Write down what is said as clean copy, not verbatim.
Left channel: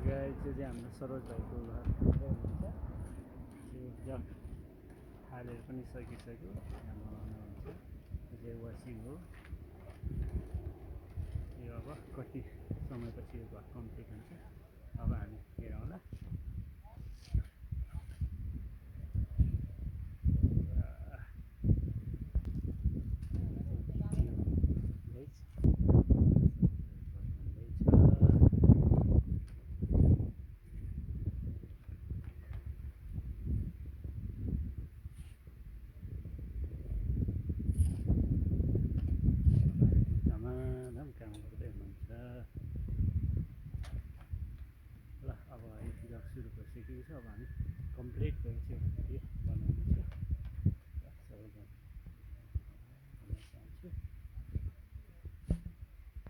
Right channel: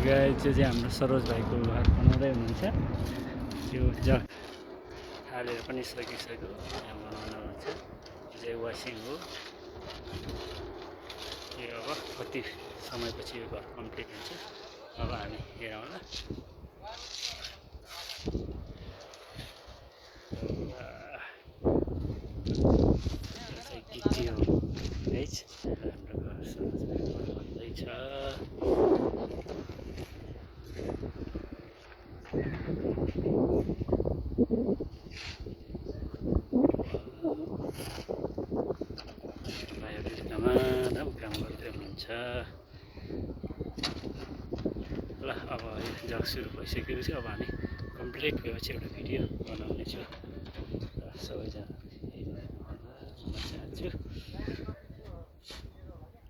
Guys त्यो चाहिँ हाम्रो सरोज भाइको घर बनाउँदै हुनुहुन्छ। त्यो जग हालेर पनि सकिसक्यो, यहाँ बनाउनु हुन्छ। यो चाहिँ वासिङ हो। यो अब कति समयपछि यो घर कम्प्लिट हुन्छ, अब हामी हेरौँला। यो चाहिँ गिटी हो गाइस, हाम्रो घर सरोज भाइको घर बन्दैछ। भाइहरूले धमाधम काम गर्दै हुनुहुन्छ। ल अब यो जग सुरु भइसकेपछि अब हामी कम्प्लिट भएपछि एउटा भिडियो बनाउनेछु र सबैजना हेरिदिनु होला भन्न चाहन्छु।